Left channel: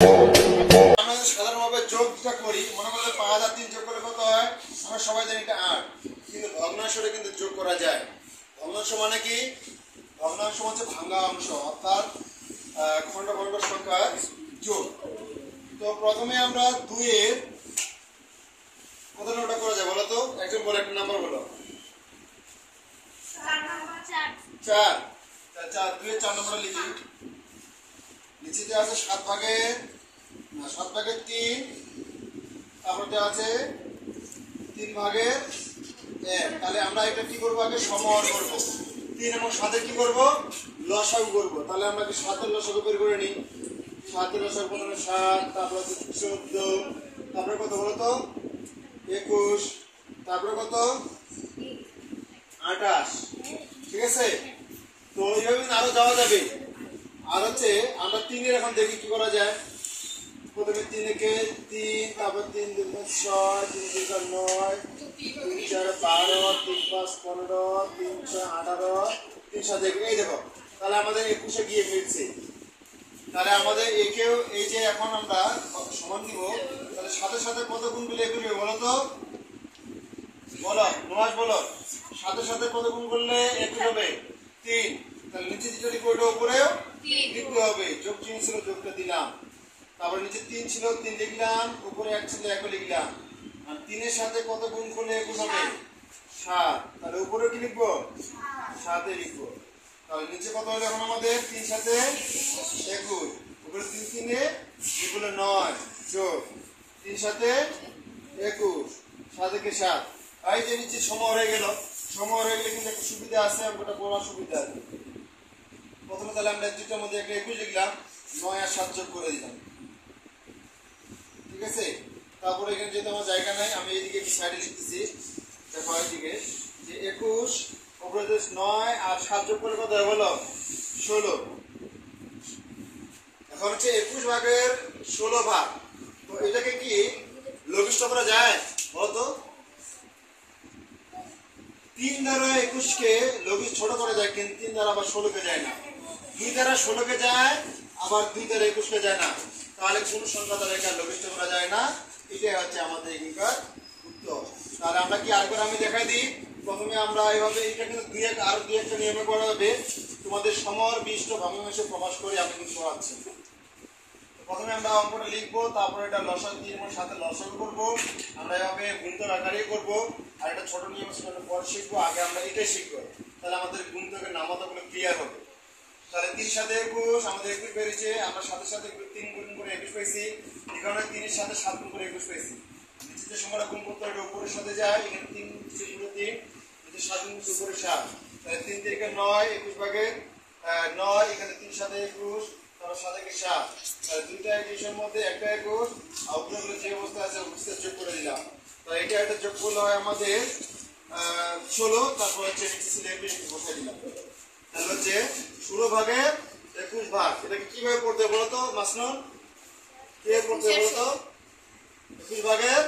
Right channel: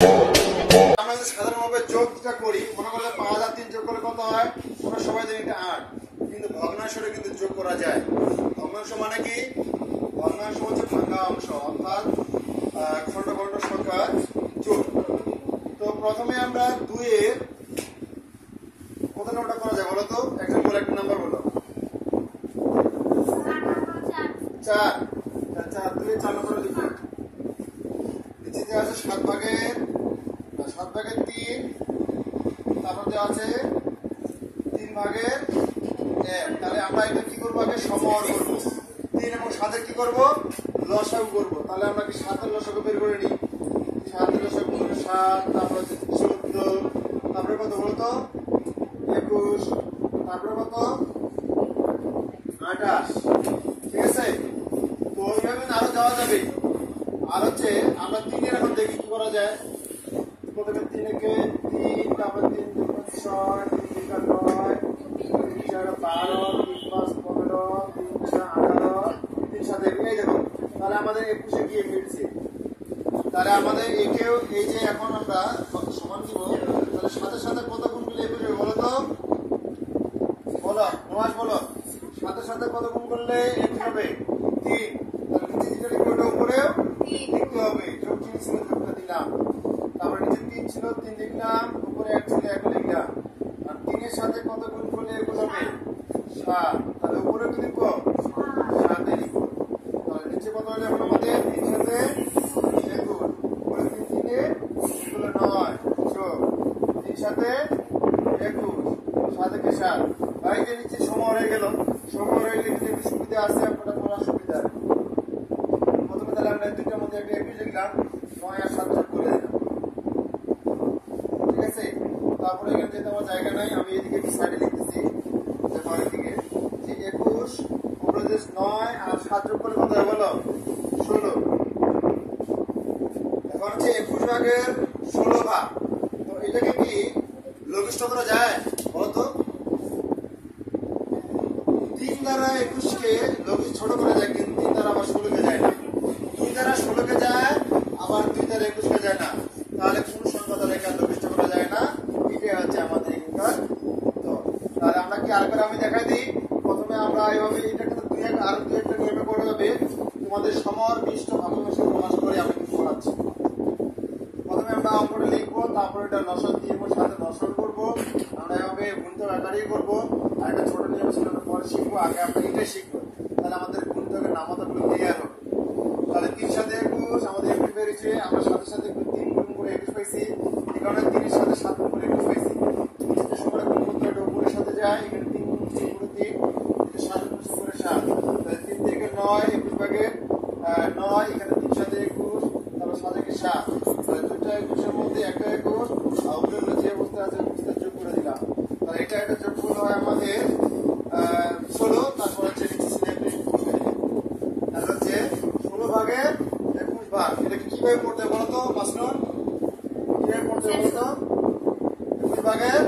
আমরা সাধারণভাবে যোগটা করি, মনে করলে 5 আর 3 যোগ করলে কত হয়? আমরা সবাই জানি এটা 8, কিন্তু ভগ্নাংশটা কিন্তু যোগ করা যায়। ভগ্নাংশ মানে কি? ভগ্নাংশ হচ্ছে ভাঙা অংশ, অর্থাৎ খণ্ড খণ্ড সংখ্যার যোগ। তো প্রথমে আমরা 2 এর কত নাম্বারটা করা যায় বলো তো? একজন বলে একটা নাম্বার বলো। 4। 2 এর 4 নাম্বার লিখি। নিচে যে আছে 7 ভাগের 3, তারপর দেওয়া আছে 3 ভাগের 1। তাহলে আমরা এটা কি করবো? আগে সমহর করবো। 3 এবং 7 এর কি করবো? লসাগু করবো। তাহলে আমরা কি 7 এর লসাগু বের করে নিই। 7 এর লসাগু মানে 7, তারপর 14, তারপরে কত বলো তো? 21, তারপরে কত? 28। ঠিক আছে? তো এইভাবে আরো যাওয়া যাবে। আর হচ্ছে আমরা 3 এর এখন দেখি কি করা যায়। প্রথমে 3 একে 3, তারপর 3 2 6, 3 2 9, 3 4 12, 3 5 15, 3 6 18, 3 7 এই দেখো। তাহলে আমাদের 21 এ গিয়ে মিলছে। তাহলে আমাদের একেও এই যে এখন আমরা সমান দিব, তাহলে সাথে সাথে কত গুণ করলে 21 হবে বলো তো? বলো নমাজ বলো, সাথে সাথে কত গুণ করলে 21 হবে? 3। তাহলে নিচে যেটা লিখবো ওটা উপরেও 3 হবে। যোগ চিহ্ন ছিল, যোগটা দিলাম। তারপরে নিচে 3 ছিল, 3 লিখলাম, উপরে 1 ছিল, 1 লিখলাম। আর 3 এর সাথে কত গুণ করলে 21 হবে? 7। তাহলে উপরে কি লিখবো? 7 লিখবো। তাহলে নিচে কত হলো এখন আমাদের? 3 সাথে 21, উপরে 3 3 এ এগুলো 9, যোগ 3 সাথে 21, 7 একে 7। ভাই যে নিচে সমহর হয়ে গেল। সমহর হয়ে গেলে কিন্তু একটু সুবিধা আছে, আপনারা পড়ার সুবিধা। প্রথমে তাহলে আমরা দুটোর মধ্যে একটা 21 লিখলাম, 9 আর 7 যোগ করে দিলাম। ঠিক আছে? তারপরে এখানে যেহেতু আমার জায়গা নাই, আমি এইদিকে একটু সাইডে লিখতেছি, যে 9 দিকে যে 21 উপরে 9 আর 7 যোগ করলে কত হয় বলো? 16। এখন হচ্ছে 21 ভাগের 16 ভাগ। তো এটাকে কি লঘিষ্ঠ করা যায় বলো তো? 3 দ্বারা 21 কে লঘিষ্ঠ ছোট করা যায়, কিন্তু 3 দ্বারা আবার 16 কে যায় না। 2 দ্বারা 16 কে যায়, আবার 2 দ্বারা 21 কে যায় না। তাহলে কোন সংখ্যা দ্বারা এখানে লঘিষ্ঠ করা যায় না? এটাই হচ্ছে আমাদের এখানকার। তো তাহলে আমরা কি আরেকবার আমি দেখাই দিই। প্রথমে আমরা এইভাবে এটা কিন্তু আরো 2-1টা নিয়মে করা যাবে। তোমাদের সমর বিষ্ট ভগ্নাংশ প্রকাশ করে আমি কিন্তু পড়াচ্ছি। প্রথমে আমরা অঙ্কটা লিখবো, তারপর এটা লসাগু দিয়ে সাথে লসাগু করবো। আমরা এভাবে গুণিতক আকারেই করবো। আর একটা ছোট নিয়ম সেটা পরে শিখবো, আগে আমরা এটাই শিখবো। তাহলে আমাদের গুণিতকের নামতাগুলো ক্লিয়ার হবে। তাহলে 3 সাথে 21 আমাদের 21 বেরিয়েছে। আমরা সাথে সাথে 3 গুণ করে 21 পাইছি। এই কারণে 3 এর সাথে 7 গুণ করে 21 পাইছি। নিচে যে সংখ্যাটা গুণ করতে হয় এটা উপরের সাথে যায়। এখানে 3 গুণ করছি উপরে 3, নিচে 7 গুণ করছি উপরে 7। তাহলে 3 থেকে 9, 21 ভাগের 9, এখানে 3 সাথে 21, তারপর 7 থেকে 7। তাহলে দুইটা 21 এর মধ্যে একটা 21, আর উপরে যে অবস্থা আছে অবস্থা যোগ করে দিলাম। তাহলে এটা যোগফল হয় আমাদের 16। তারপর হচ্ছে নিচে ছিল 21। তাহলে হচ্ছে 16 ভাগের 21 ভাগ। এটাকে কিভাবে পড়তে বলো তো মাসনুন? কিভাবে পড়তে বলো তো? 21 ভাগের